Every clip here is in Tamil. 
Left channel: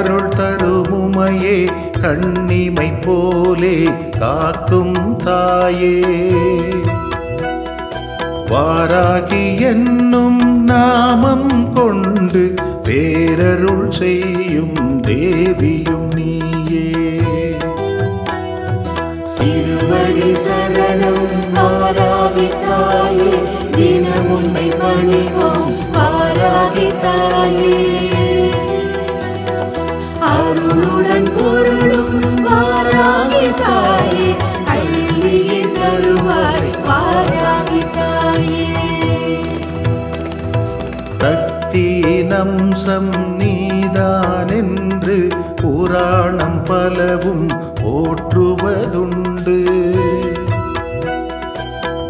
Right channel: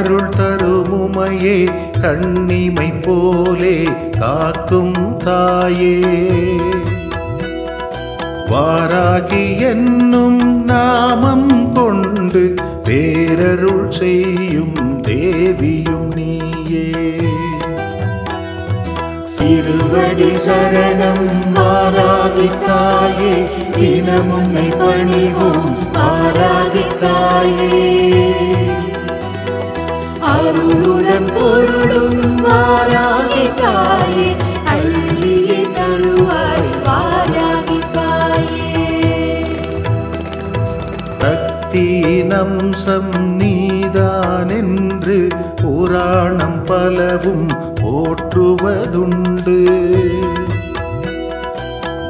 அருள் தரும் உமையே கண்ணிமை போலே காக்கும் தாயே வாராகி என்னும் நாமம் கொண்டு பேரருள் செய்யும் தேவியும் நீயே சிறுவடி சரணம் வாராகி தாயே தினம் உன்னை பணிவோம் வாராகி தாயே அருளுடன் பொருளும் வாராகி தாயே அள்ளியே தருவாய் வாராகி தாயே சக்தியின் அம்சம் நீதானென்று புராணம் பலவும் போற்றுவதுண்டு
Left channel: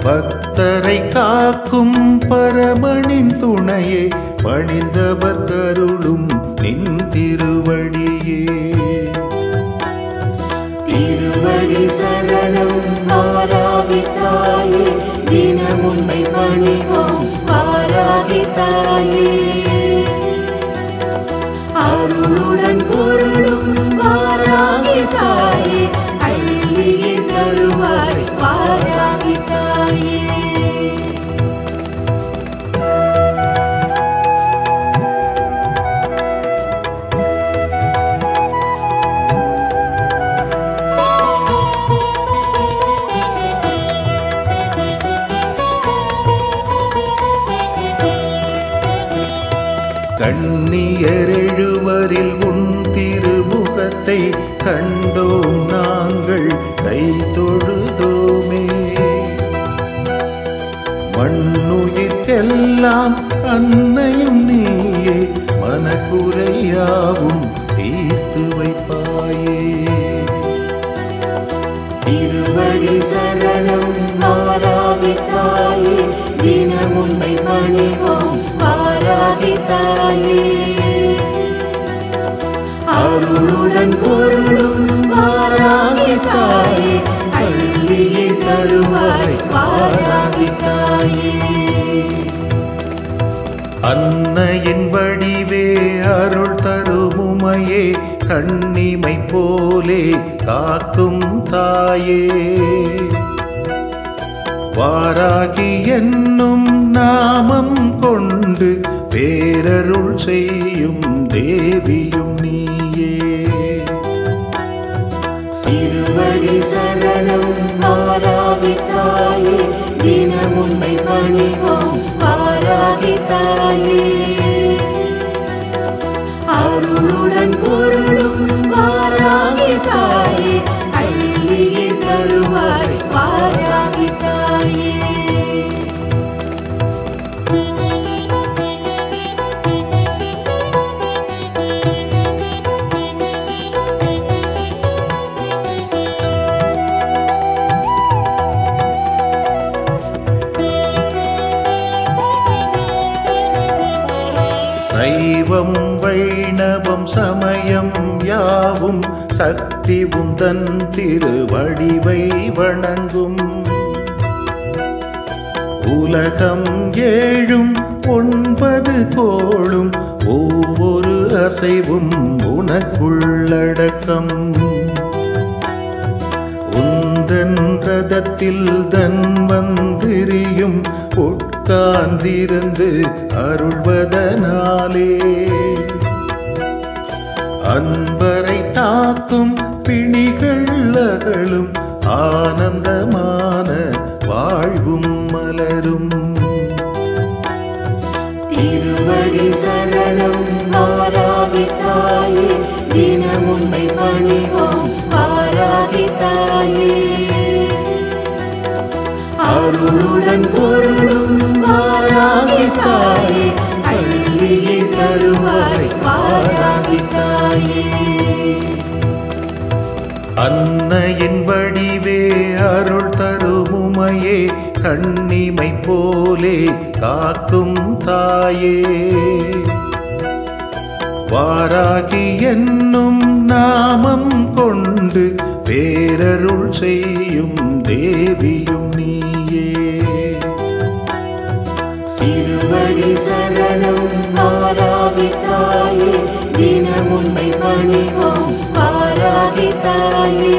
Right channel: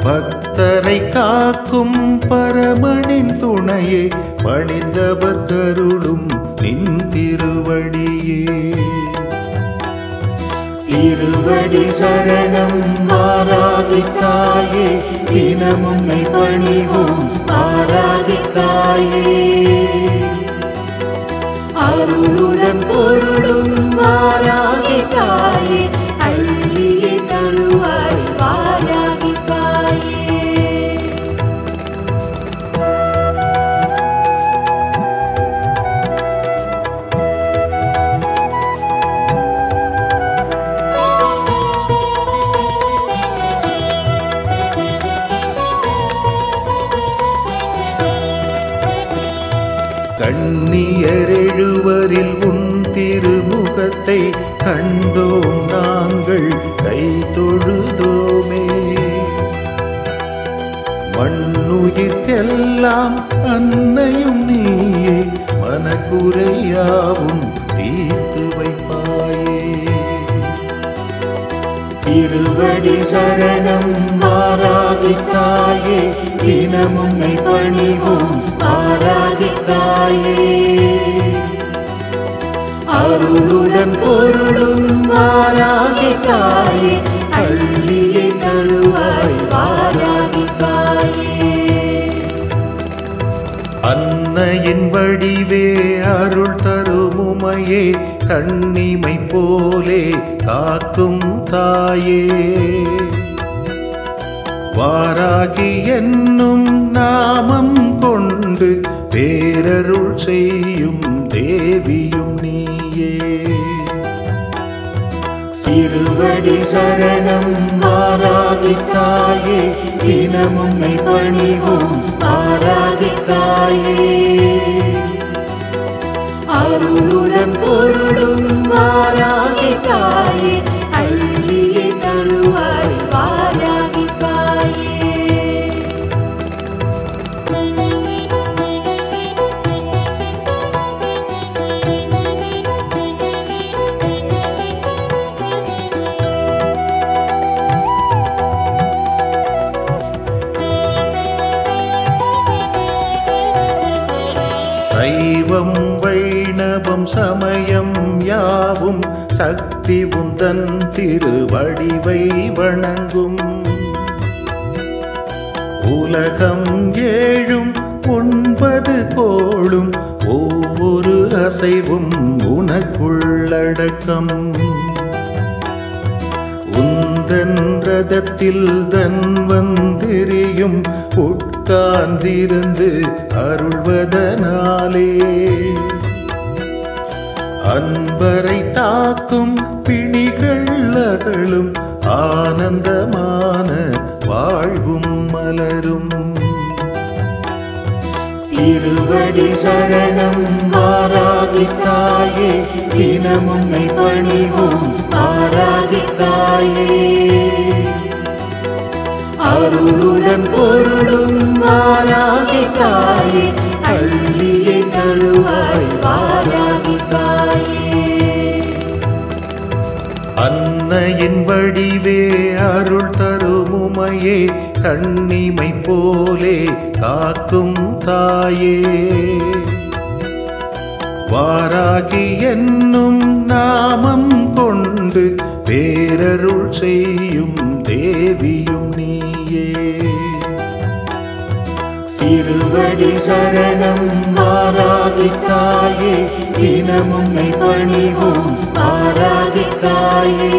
பக்தரை காக்கும் பரமனின் துணையே பணிந்தவர் கருளும் நின் திருவடியே திருவடி சரணம் வாராகி தாயே தினம் உன்னை பணிவோம் வாராகி தாயே அருளுடன் பொருளும் வாராகி தாயே அள்ளியே தருவாய் வாராகி தாயே கண்ணியர் எழுவரில் உன் திருமுகத்தை கண்டோம் நாங்கள் கை தொழுதோமே மண்ணுயிர்க்கெல்லாம் அன்னையும் நீயே மனக்குறையாவும் தீர்த்து வைப்பாயே திருவடி சரணம் வாராகி தாயே தினம் உன்னை பணிவோம் வாராகி தாயே அருளுடன் பொருளும் வாராகி தாயே அள்ளியே தருவாய் வாராகி தாயே அன்னையின் வடிவே அருள் தரும் உமையே கண்ணிமை போலே காக்கும் தாயே வாராகி என்னும் நாமம் கொண்டு பேரருள் செய்யும் தேவியும் நீயே சிறுவடி சரணம் வாராகி தாயே தினம் உன்னை பணிவோம் வாராகி தாயே அருளுடன் பொருளும் வாராகி தாயே அள்ளியே தருவாய் வாராகி தாயே சைவம் வைணவம் சமயம் யாவும் சக்தி உந்தன் திருவடிவை வணங்கும் உலகம் ஏழும் 9 கோளும் ஒவ்வொரு அசைவும் உனக்குள்ளடக்கம் உந்தன் ரதத்தில் தன் வந்திரியும் உட்கார்ந்திருந்து அருள்வதனாலே அன்பரை தாக்கும் பிணிகள் அகலும் ஆனந்தமான வாழ்வும் மலரும் திருவடி சரணம் வாராகி தாயே தினம் உன்னை பணிவோம் வாராகி தாயே அருளுடன் பொருளும் வாராகி தாயே அள்ளியே தருவாய் வாராகி தாயே அன்னையின் வடிவே அருள் தரும் உமையே கண்ணிமை போலே காக்கும் தாயே வாராகி என்னும் நாமம் கொண்டு பேரருள் செய்யும் தேவியும் நீயே சிறுவடி சரணம் வாராகி தாயே தினம் உம்மை பணிவோம் ஆராகி தாயே.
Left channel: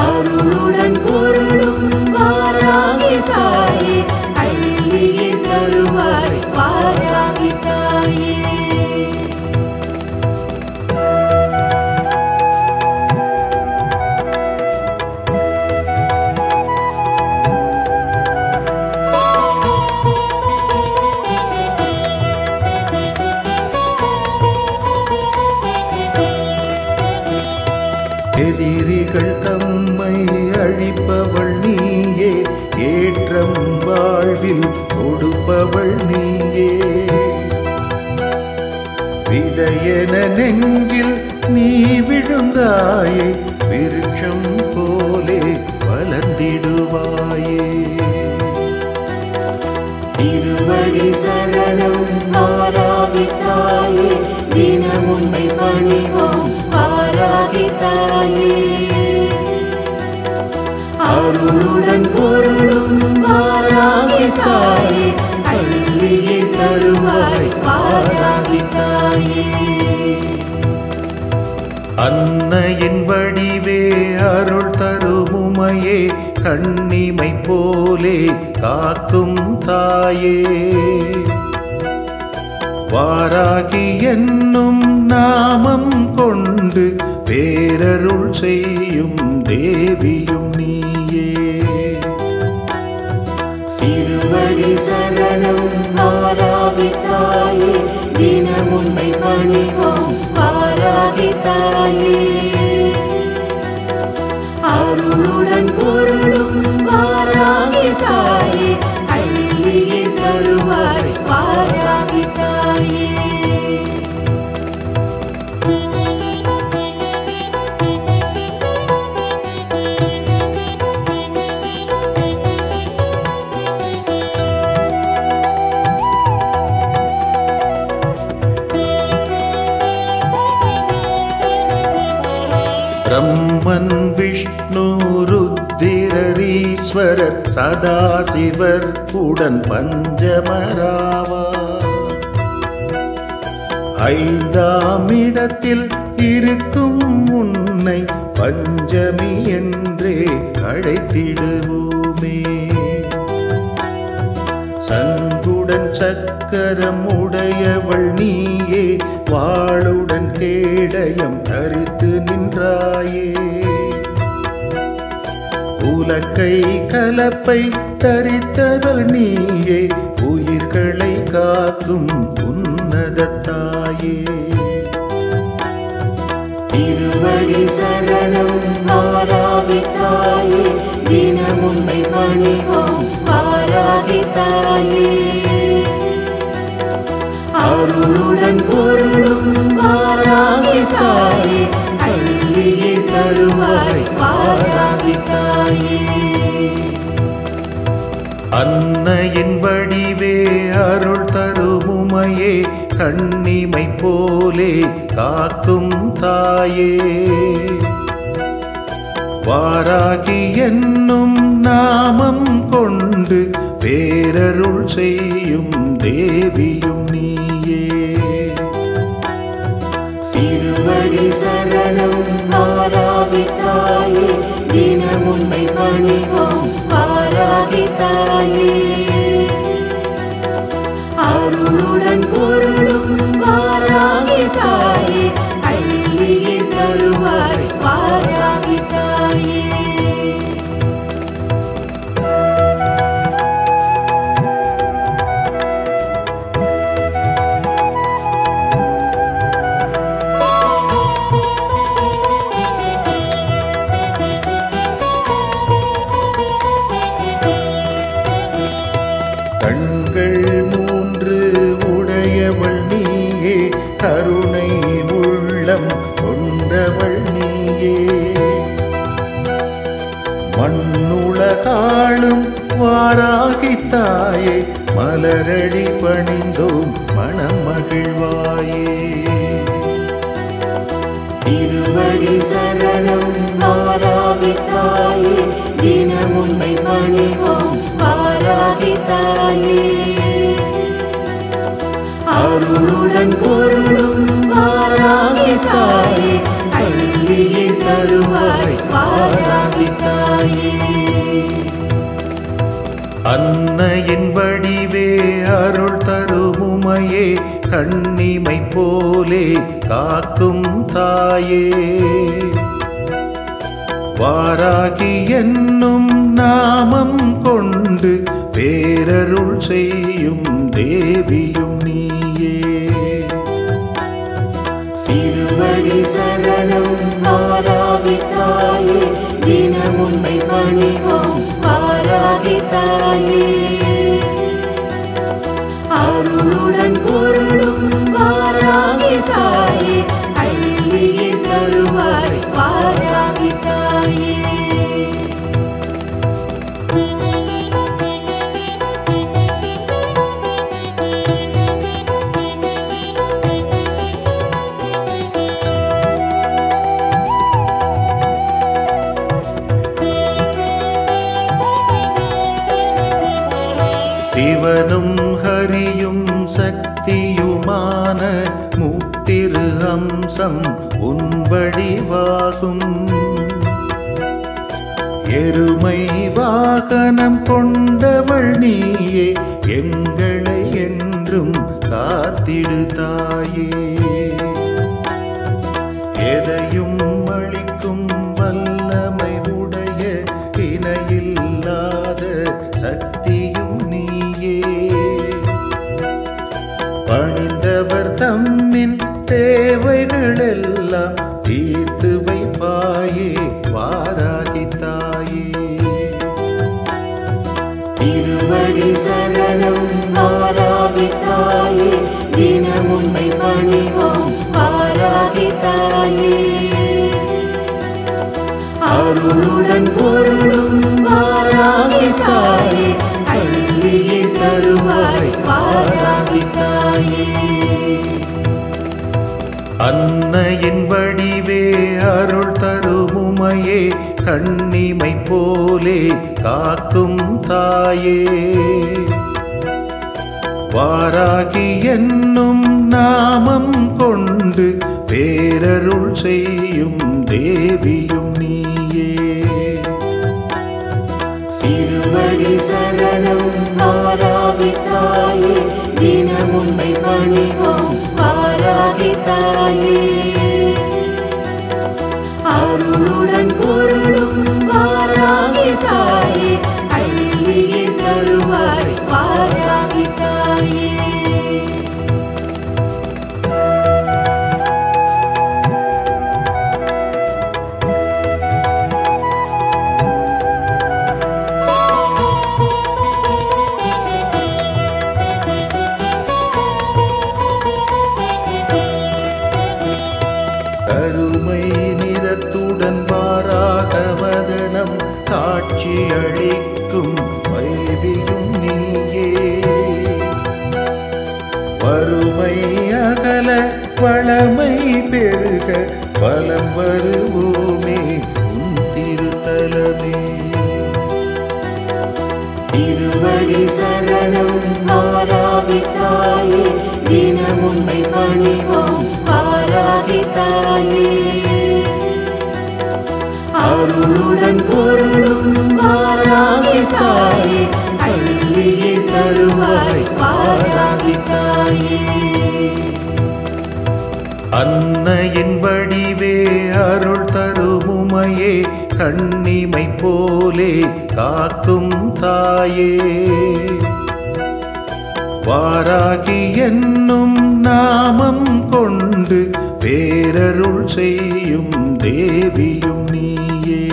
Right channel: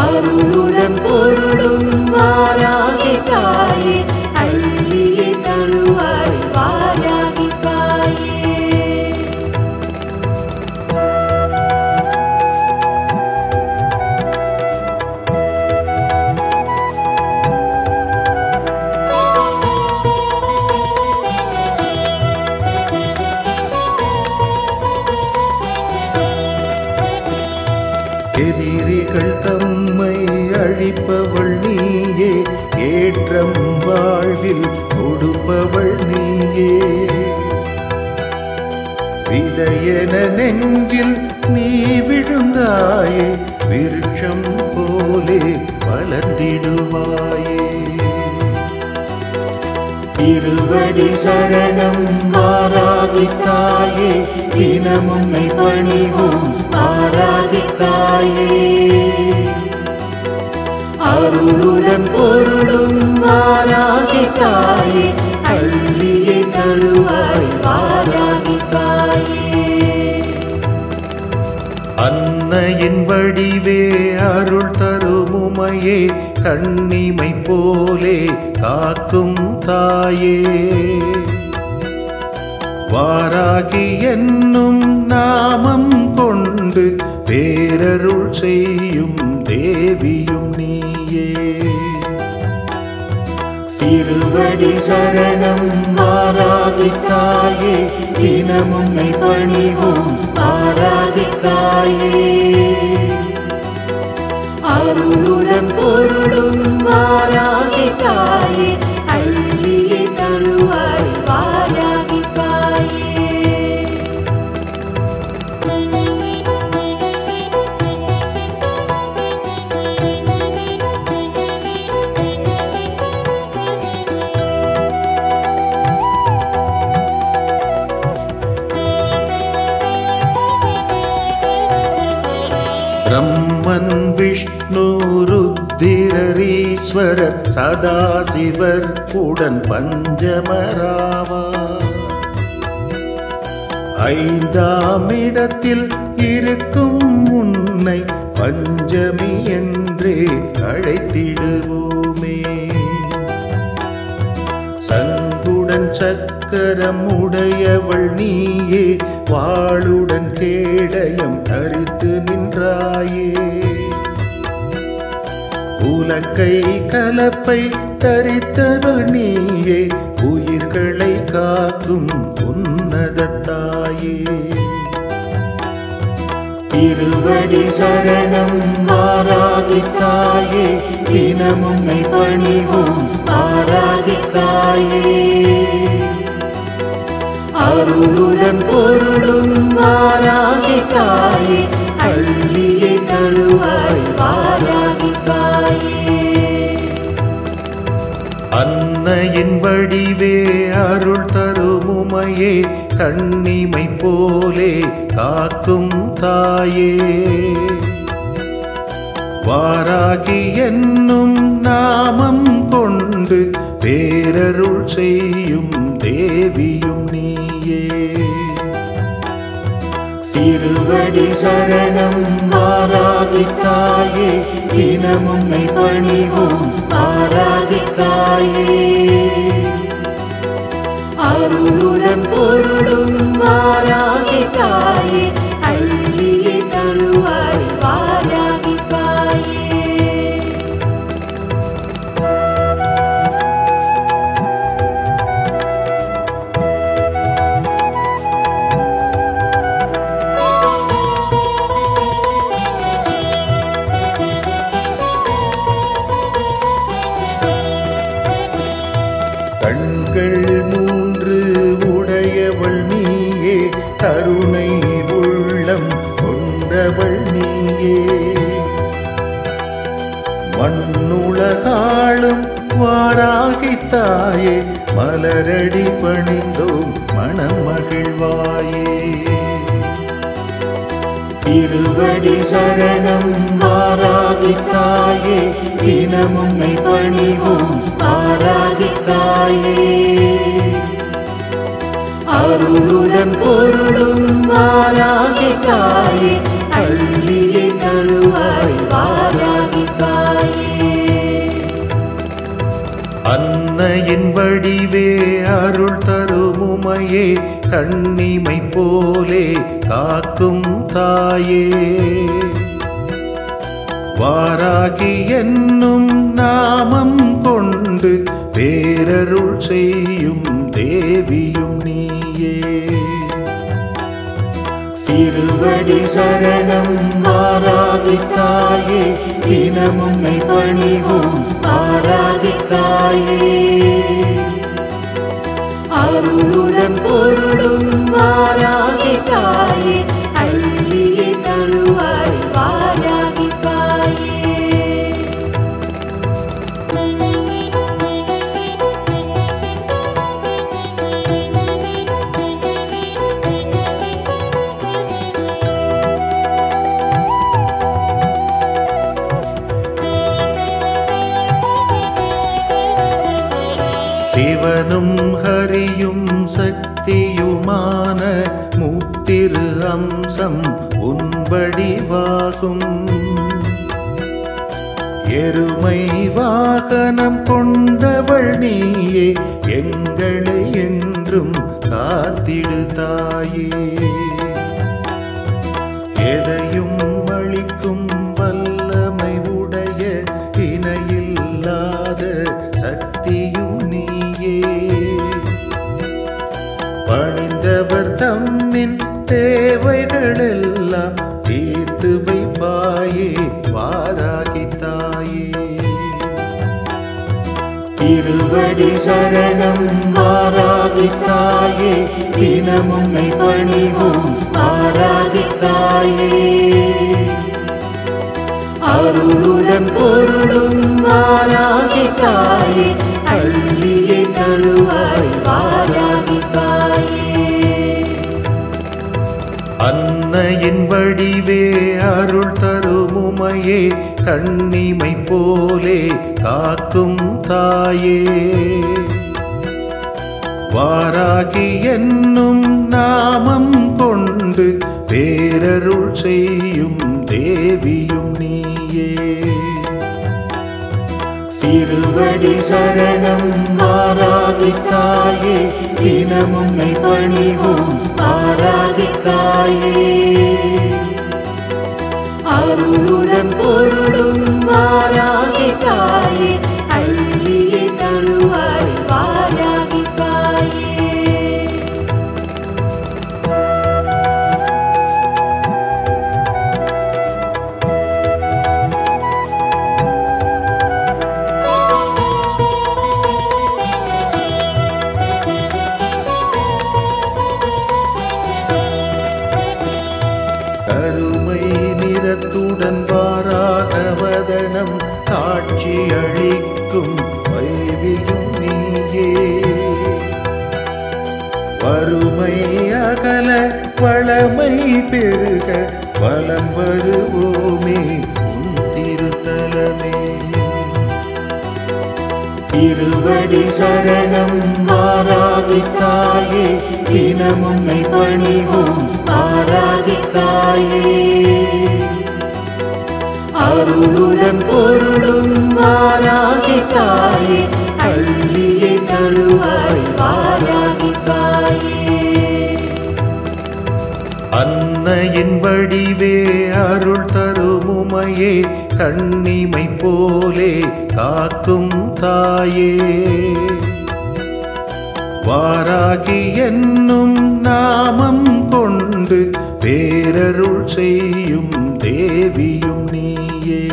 அருளுடன் பொருளும் வாராகி தாயே, அள்ளியே தருவாய் வாராகி தாயே. எதிரிகள் தம்மை அழிப்பவள் நீயே, ஏற்றம் வாழ்வில் கொடுப்பவள் நீயே. விதையென நெஞ்சில் நீ விழுந்தாயே, விருட்சம் போலே வளர்ந்திடுவாயே. திருவடி சரணம் ஆராகி தாயே, தினம் உம்மை பணிவோம் ஆராகி தாயே. அருளுடன் பொருளும் வாராகி தாயே, அள்ளியே தருவாய் வாராகி தாயே. அன்னையின் வடிவே அருள் தருமுமையே, கண்ணிமை போலே காக்கும் தாயே. வாராகி என்னும் நாமம் கொண்டு பேரருள் செய்யும் தேவியும் நீயே. திருவடி சரணம் ஆராகி தாயே, தினம் உம்மை பணிவோம் ஆராகி தாயே. அருளுடன் பொருளும் வாராகி தாயே, அள்ளியே தருவாய் வாராகி தாயே. பிரம்மன் விஷ்ணு ருத்திரரீஸ்வரர் சதாசிவர் உடன் பஞ்சமராவார். ஐந்தாம் இடத்தில் இருக்கும் உன்னை பஞ்சமி என்றே அழைத்திடுவோமே. சங்குடன் சக்கரம் உடையவள் நீயே, வாளுடன் கேடயம் தரித்து நின்றாயே. உலக்கை கலப்பை தரித்தவள் நீயே, உயிர்களை காக்கும் உன்னதத்தாயே. திருவடி சரணம் ஆராகி தாயே, தினம் உம்மை பணிவோம் ஆராகி தாயே. அருளுடன் பொருளும் வாராகி தாயே, அள்ளியே தருவாய் வாராகி தாயே. அன்னையின் வடிவே அருள் தருமுமையே, கண்ணிமை போலே காக்கும் தாயே. வாராகி என்னும் நாமம் கொண்டு பேரருள் செய்யும் தேவியும் நீயே. திருவடி சரணம் ஆராகி தாயே, தினம் உம்மை பணிவோம் ஆராகி தாயே. அருளுடன் பொருளும் வாராகி தாயே, அள்ளியே தருவாய் வாராகி தாயே. கண்கள் மூன்று உடையவள் நீயே, கருணை உள்ளம் கொண்டவள் நீயே. மண்ணுலகாளும் வாராகி தாயே, மலரடி பணிந்தோம் மனம் மகிழ்வாயே. திருவடி சரணம் ஆராகி தாயே, தினம் உம்மை பணிவோம் ஆராகி தாயே. அருளுடன் அருளுடன் பொருளும் வாராகி தாயே அள்ளியே தருவாய் வாராகி தாயே. அன்னையின் வடிவே அருள் தருமுமையே கண்ணிமை போலே காக்கும் தாயே வாராகி என்னும் நாமம் கொண்டு பேரருள் செய்யும் தேவியும் நீயே. சிறுவடி சரணம் வாராகி தாயே தினம் உன்னை பணிவோம் வாராகி தாயே. அருளுடன் பொருளும் வாராகி தாயே அள்ளியே தருவாய் வாராகி தாயே. சிவனும் ஹரியும் சக்தியுமான முத்திரு அம்சம் உன் வடிவாகும். எருமை வாகனம் கொண்டவள் நீயே எங்களை என்றும் காத்திடு தாயே. எதையும் அளிக்கும் வல்லமை உடைய இணையில்லாத சக்தியும் நீயே. பணிந்தவர் தம்மின் தேவைகளெல்லாம் தீர்த்து வைப்பாயே வாராகி தாயே. திருவடி சரணம் வாராகி தாயே தினம் உன்னை பணிவோம் வாராகி தாயே. அருளுடன் பொருளும் வாராகி தாயே அள்ளியே தருவாய் வாராகி தாயே. அன்னையின் வடிவே அருள் தருமுமையே கண்ணிமை போலே காக்கும் தாயே வாராகி என்னும் நாமம் கொண்டு பேரருள் செய்யும் தேவியும் நீயே. சிறுவடி சரணம் வாராகி தாயே தினம் உன்னை பணிவோம் வாராகி தாயே. அருளுடன் பொருளும் வாராகி தாயே அள்ளியே தருவாய் வாராகி தாயே. கருமை நிறத்துடன் வாராக வதனம் காட்சி அளிக்கும் வைவியும் நீயே. வறுமை அகல வளமை பெருக வலம் வருவோமே உன் திருத்தலமே. திருவடி சரணம் வாராகி தாயே தினம் உன்னை பணிவோம் வாராகி தாயே. அருளுடன் பொருளும் வாராகி தாயே அள்ளியே தருவாய் வாராகி தாயே. அன்னையின் வடிவே அருள் தருமுமையே கண்ணிமை போலே காக்கும் தாயே வாராகி என்னும் நாமம் கொண்டு பேரருள் செய்யும் தேவியும் நீயே.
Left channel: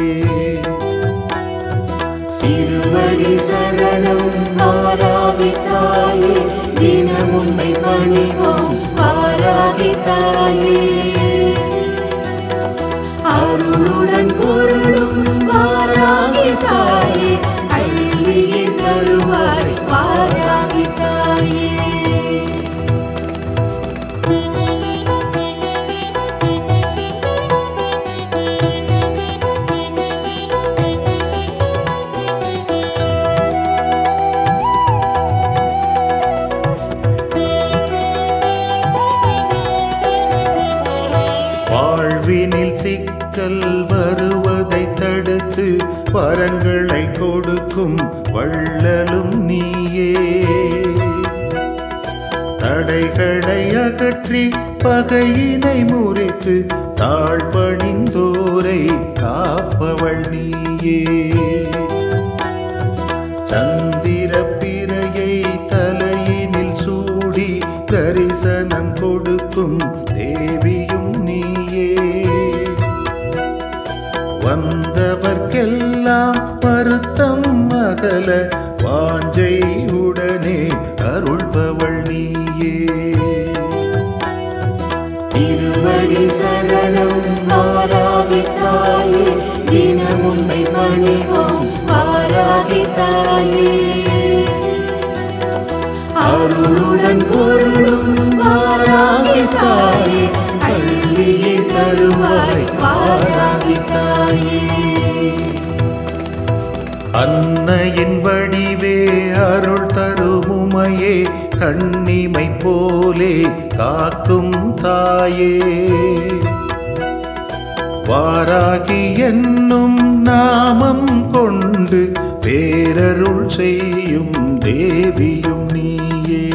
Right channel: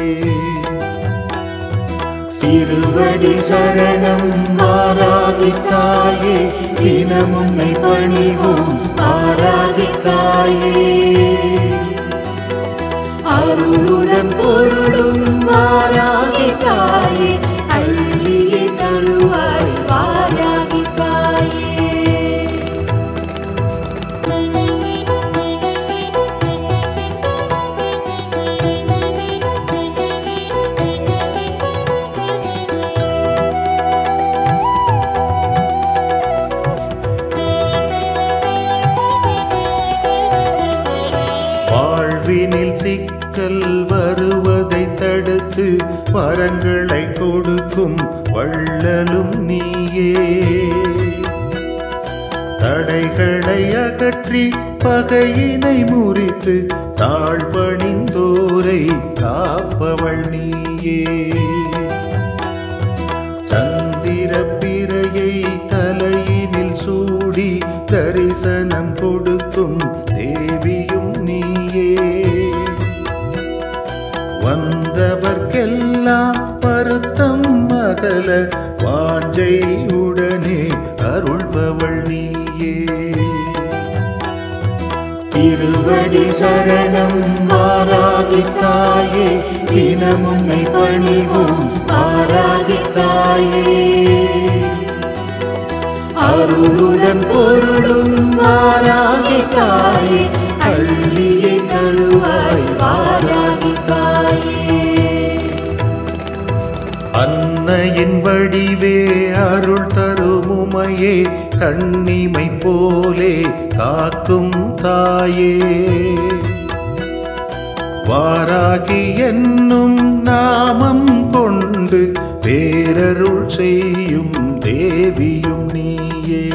சிறுவடி சரணம் வாராகி தாயே தினம் உன்னை பணிவோம் வாராகி தாயே. அருளுடன் பொருளும் வாராகி தாயே அள்ளியே தருவாய் வாராகி தாயே. வாழ்வினில் சிக்கல் வருவதை தடுத்து வரங்களை கொடுக்கும் வள்ளலும் நீயே. தடைகளை அகற்றி பகையினை முறித்து தாழ்பணிந்தோரை காப்பவள் நீயே. சந்திர பிறையை தலையினில் சூடி தரிசனம் கொடுக்கும் தேவியும் நீயே. வந்தவர்க்கெல்லாம் வருத்தம் அகல வாஞ்சை உடனே அருள்பவள் நீயே. திருவடி சரணம் வாராகி தாயே, தினம் உன்னை பணிவோம் வாராகி தாயே. அருளுடன் பொருளும் வாராகி தாயே, அள்ளியே தருவாய் வாராகி தாயே. அன்னையின் வடிவே அருள் தருமுமையே, கண்ணிமை போலே காக்கும் தாயே. வாராகி என்னும் நாமம் கொண்டு பேரருள் செய்யும் தேவியும் நீயே.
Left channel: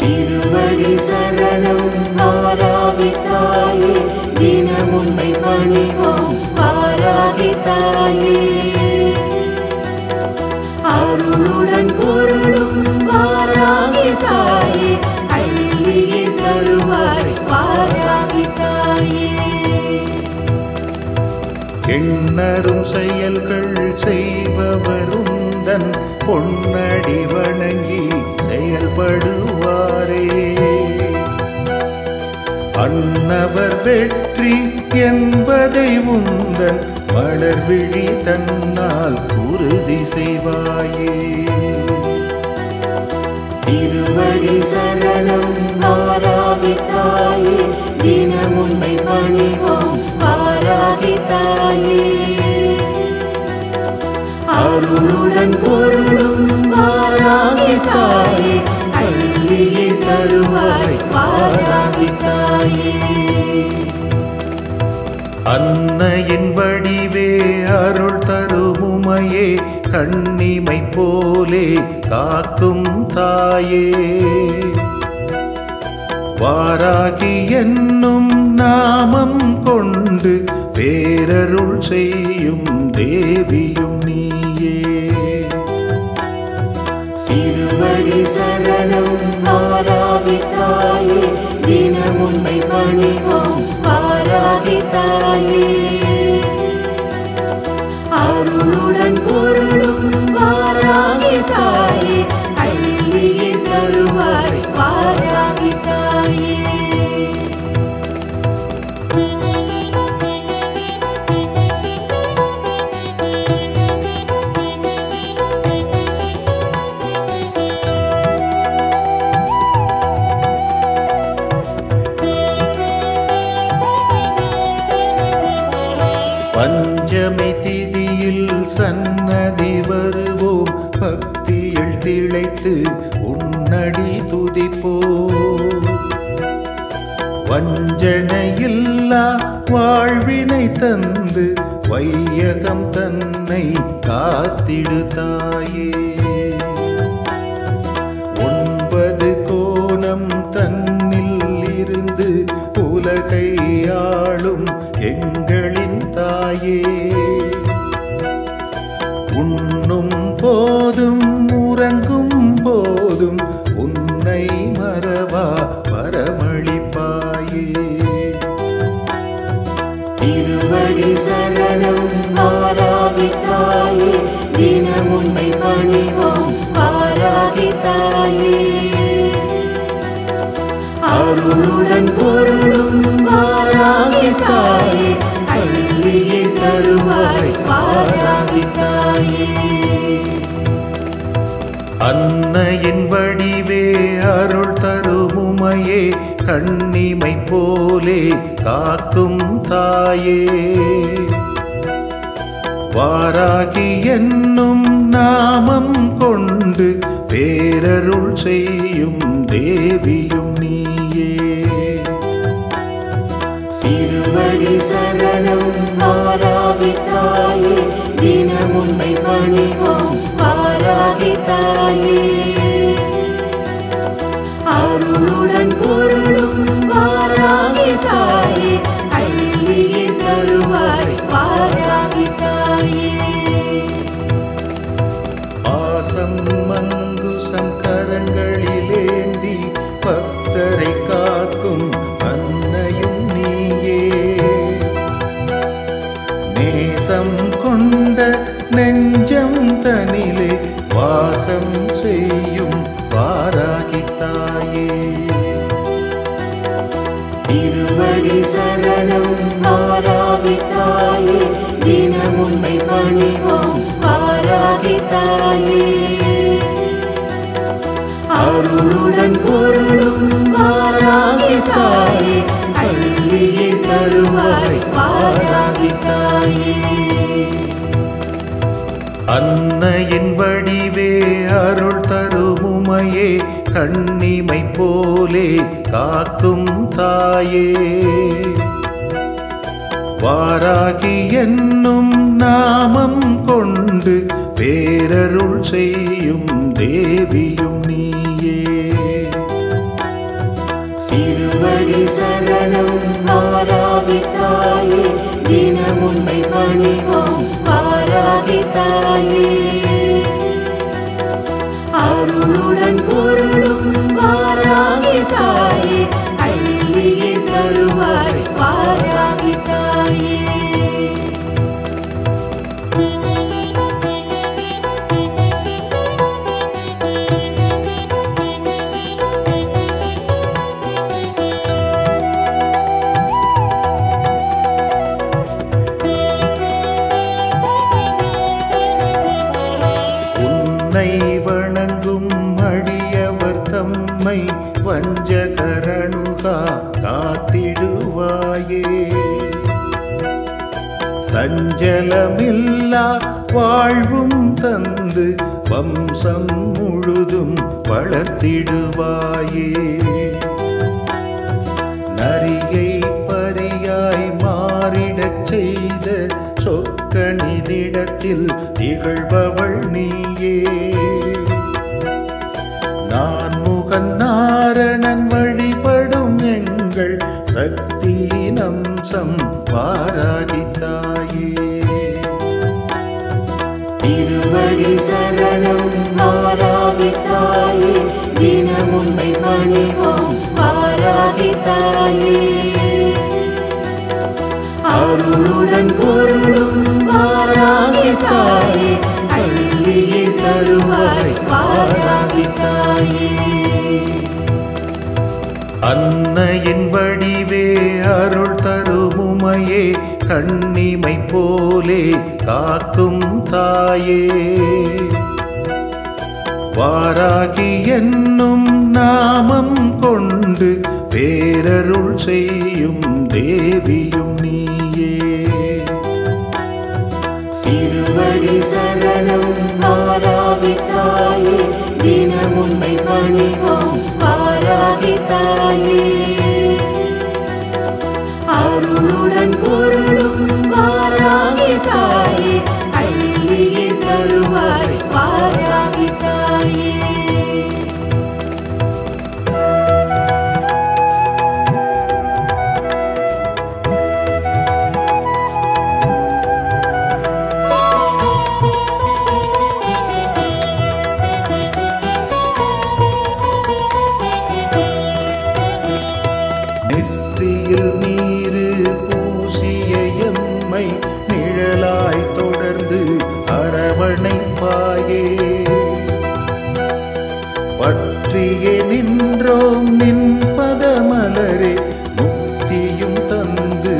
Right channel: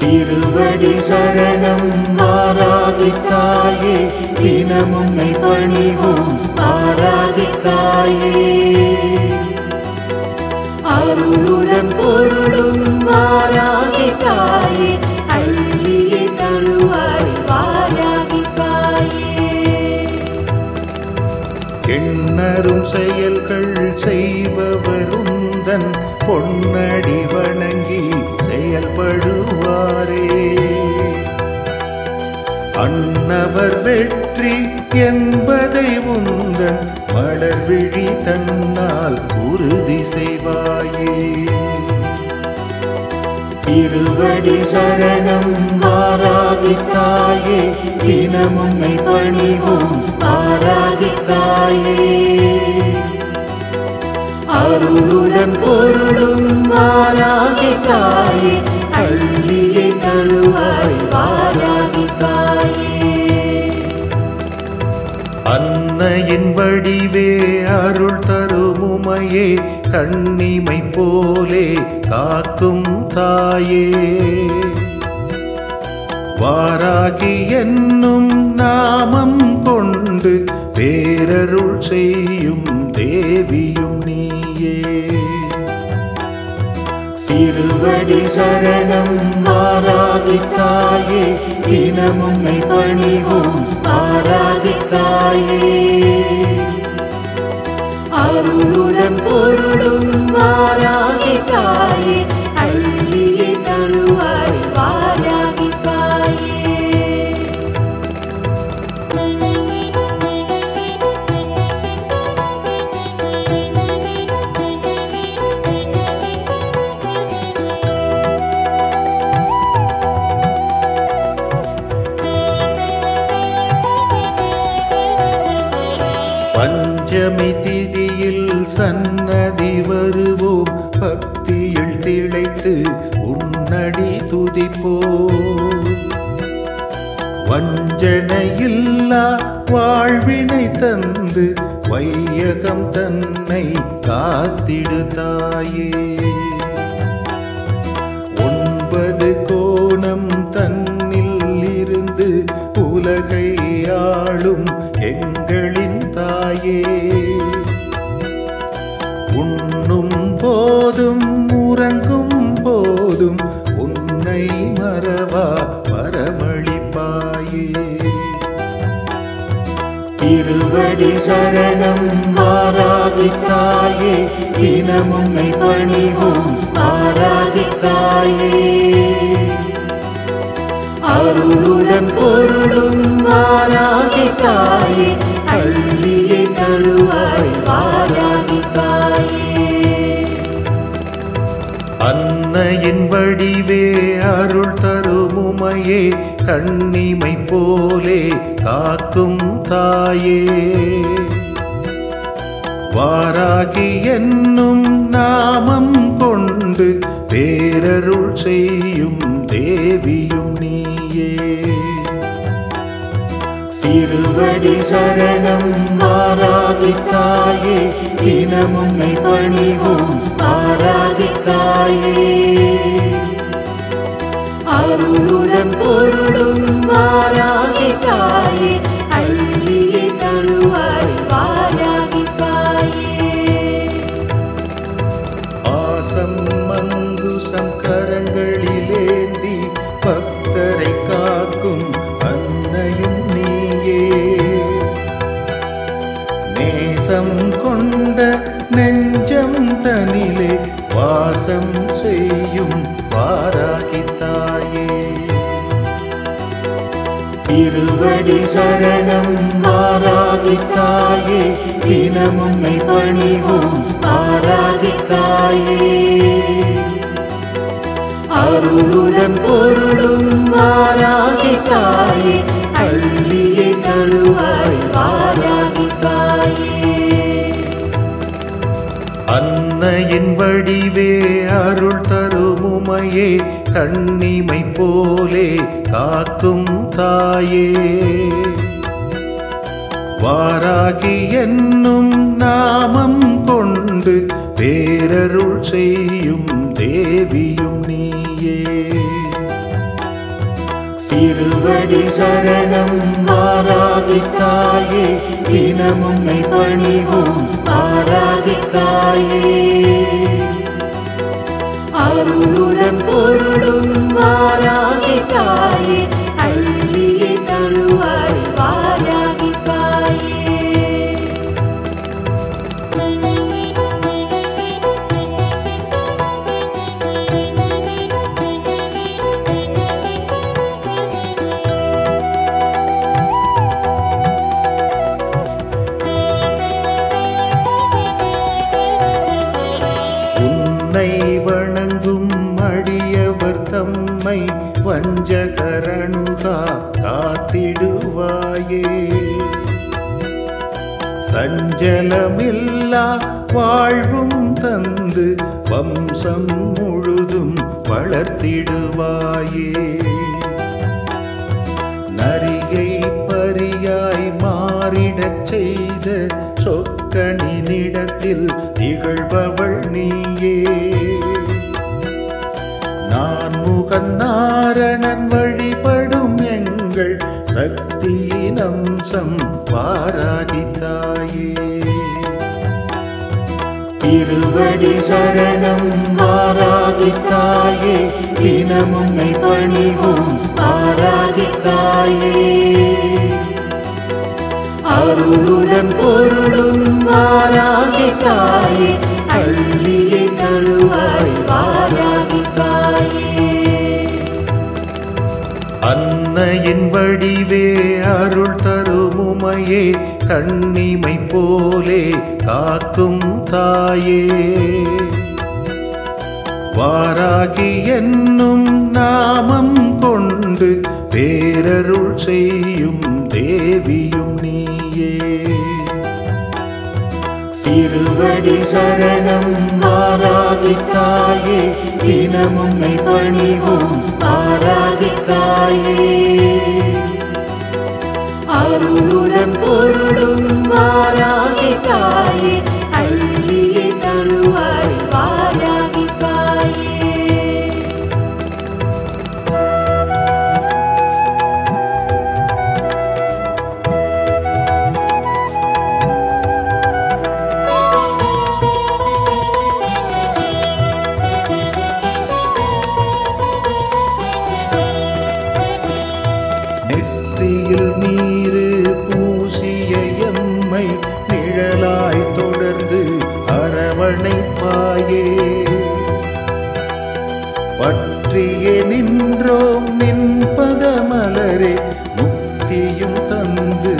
திருவடி சரணம் வாராகி தாயே, தினம் உன்னை பணிவோம் வாராகி தாயே. அருளுடன் பொருளும் வாராகி தாயே, அள்ளியே தருவாய் வாராகி தாயே. எண்ணரும் செயல்கள் செய்பவருந்தன் பொன்னடி வணங்கி செயல்படுவாரே. அன்னவர் வெற்றி என்பதை உந்தன் மலர்விழி தன்னால் உறுதி செய்வாயே. திருவடி சரணம் வாராகி தாயே, தினம் உன்னை பணிவோம் வாராகி தாயே. அருளுடன் பொருளும் வாராகி தாயே, அள்ளியே தருவாய் வாராகி தாயே. அன்னையின் வடிவே அருள் தருமுமையே, கண்ணிமை போலே காக்கும் தாயே. வாராகி என்னும் நாமம் கொண்டு பேரருள் செய்யும் தேவியும் நீயே. திருவடி சரணம் வாராகி தாயே, தினம் உன்னை பணிவோம் வாராகி தாயே. அருளுடன் பொருளும் வாராகி தாயே, அள்ளியே தருவாய் வாராகி தாயே. பஞ்சமி திதியில் சன்னதி வருவோம், பக்தியில் திளைத்து உன்னடி துதிப்போம். வஞ்சனையில்லா வாழ்வினை தந்து வையகம் தன்னை காத்திடு தாயே. 9 கோணம் தன்னில் இருந்து உலகை ஆளும் எங்களின் தாயே. உண்ணும் போதும் உறங்கும் போதும் உன்னை மறவா வரமளிப்பாயே. திருவடி சரணம் வாராகி தாயே, தினம் உன்னை பணிவோம் வாராகி தாயே. அருளுடன் பொருளும் வாராகி தாயே, அள்ளியே தருவாய் வாராகி தாயே. அன்னையின் வடிவே அருள் தருமுமையே, கண்ணிமை போலே காக்கும் தாயே. வாராகி என்னும் நாமம் கொண்டு பேரருள் செய்யும் தேவியும் நீயே. தாயே அருளுடன் பொருளும் வாராகி தாயே அள்ளியே தருவாய் வாராகி தாயே ஆசம் மங்குசம் கரங்களிலேந்தி பக்தரை காக்கும் அன்னையும் நீயே நேசம் கொண்ட நெஞ்சம் தனிலே வாசம் செய்யும் வாராகி தாயே திருவடி சரணம் வாராகி தாயே தினம் உன்னை பணிவோம் வாராகி தாயே அருளுடன் பொருளும் வாராகி தாயே அள்ளியே தருவாய் வாராகி தாயே அன்னையின் வடிவே அருள் தரும் உமையே கண்ணிமை போலே காக்கும் தாயே வாராகி என்னும் நாமம் கொண்டு பேரருள் செய்யும் தேவியும் நீயே திருவடி சரணம் வாராகி தாயே தினம் உன்னை பணிவோம் வாராகி தாயே அருளுடன் பொருளும் வாராகி தாயே அள்ளியே தருவாய் வாராகி தாயே உன்னை வணங்கும் அடியவர் தம்மை வஞ்சகரணுகா காத்திடுவாயே சஞ்சலமில்லா வாழ்வும் தந்து வம்சம் முழுதும் வளர்த்திடுவாயே நரியை பரியாய் மாறிடச் செய்த சொக்கனினிடத்தில் திகழ்பவள் நீயே நான் முகன் நாரணன் வழிபடும் எங்கள் சக்தியின் அம்சம் வாராகி தாயே திருவடி சரணம் வாராகி தாயே தினம் உன்னை பணிவோம் வாராகி தாயே அருளுடன் பொருளும் வாராகி தாயே அள்ளியே தருவாய் வாராகி தாயே அன்னையின் வடிவே அருள் தரும் உமையே கண்ணிமை போலே காக்கும் தாயே வாராகி என்னும் நாமம் கொண்டு பேரருள் செய்யும் தேவியும் நீயே திருவடி சரணம் வாராகி தாயே தினம் உன்னை பணிவோம் வாராகி தாயே அருளுடன் பொருளும் வாராகி தாயே அள்ளியே தருவாய் வாராகி தாயே நெற்றியில் நீரு பூசிய எம்மை நிழலாய் தொடர்ந்து அரவணைப்பாயே பற்றியே நின்றோம் நின்பத மலரே முக்தியும் தந்து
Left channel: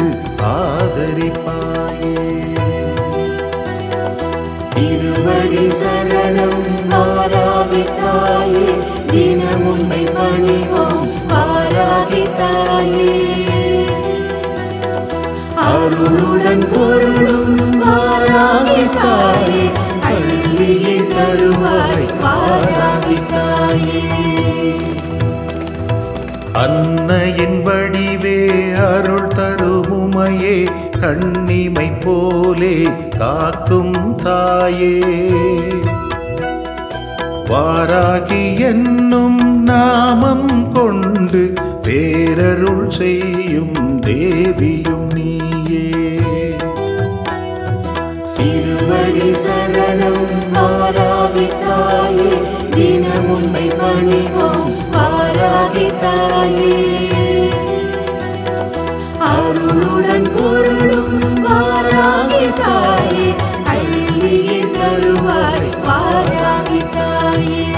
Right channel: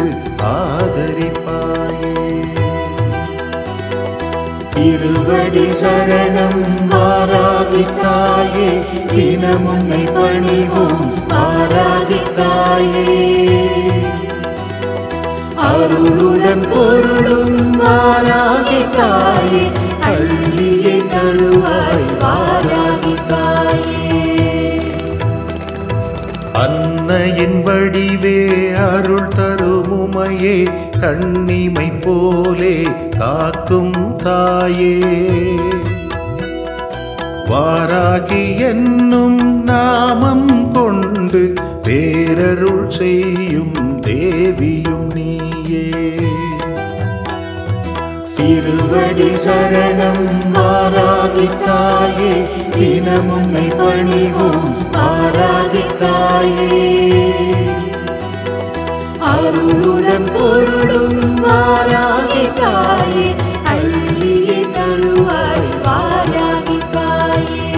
ஆதரிப்பாயே திருவடி சரணம் வாராகி தாயே தினம் உன்னை பணிவோம் வாராகி தாயே அருளுடன் பொருளும் வாராகி தாயே அள்ளியே தருவாய் வாராகி தாயே அன்னையின் வடிவே அருள் தரும் உமையே கண்ணிமை போலே காக்கும் தாயே வாராகி என்னும் நாமம் கொண்டு பேரருள் செய்யும் தேவியும் நீயே. திருவடி சரணம் வாராகி தாயே, தினம் உன்னை பணிவோம் வாராகி தாயே. அருளுடன் பொருளும் வாராகி தாயே, அள்ளியே தருவாய் வாராகி தாயே.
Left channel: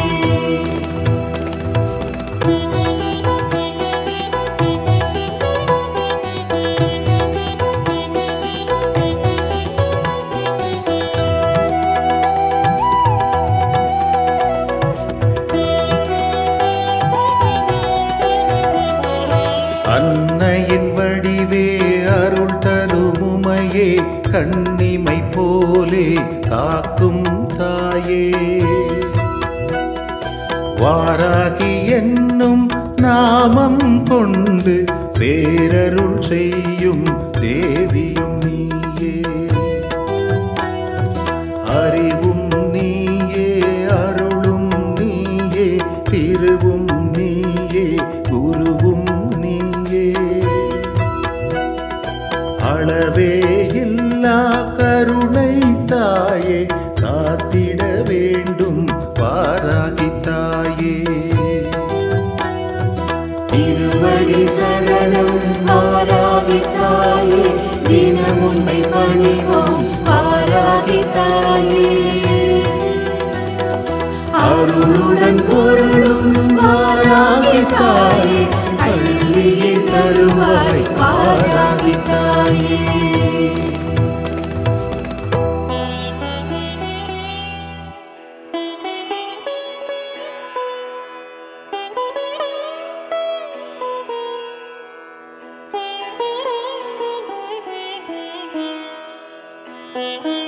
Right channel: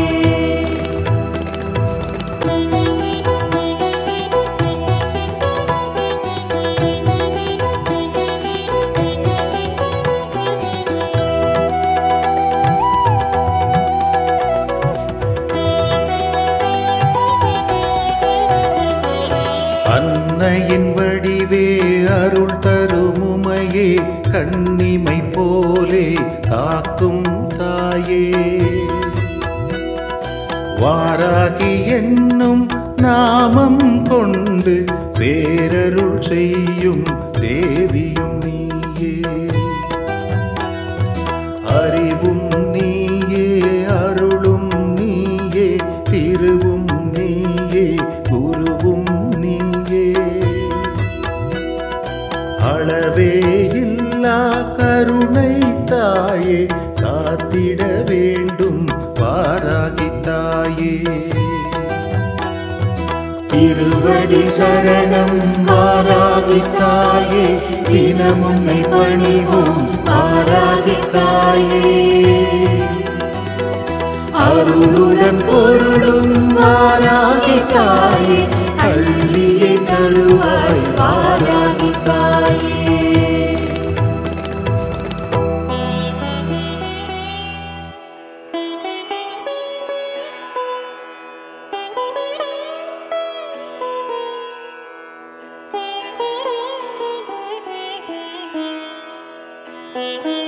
அன்னையின் வடிவே அருள் தருமுமையே, கண்ணிமை போலே காக்கும் தாயே. வாராகி என்னும் நாமம் கொண்டு பேரருள் செய்யும் தேவியும் நீயே. அறிவும் நீயே, அருளும் நீயே, திருவும் நீயே, குருவும் நீயே. அளவே இல்லா கருணை தாயே, காத்திட வேண்டும் வாராகி தாயே. திருவடி சரணம் வாராகி தாயே, தினம் உன்னை பணிவோம் வாராகி தாயே. அருளுடன் பொருளும் வாராகி தாயே, அள்ளியே தருவாய் வாராகி தாயே. Thank you.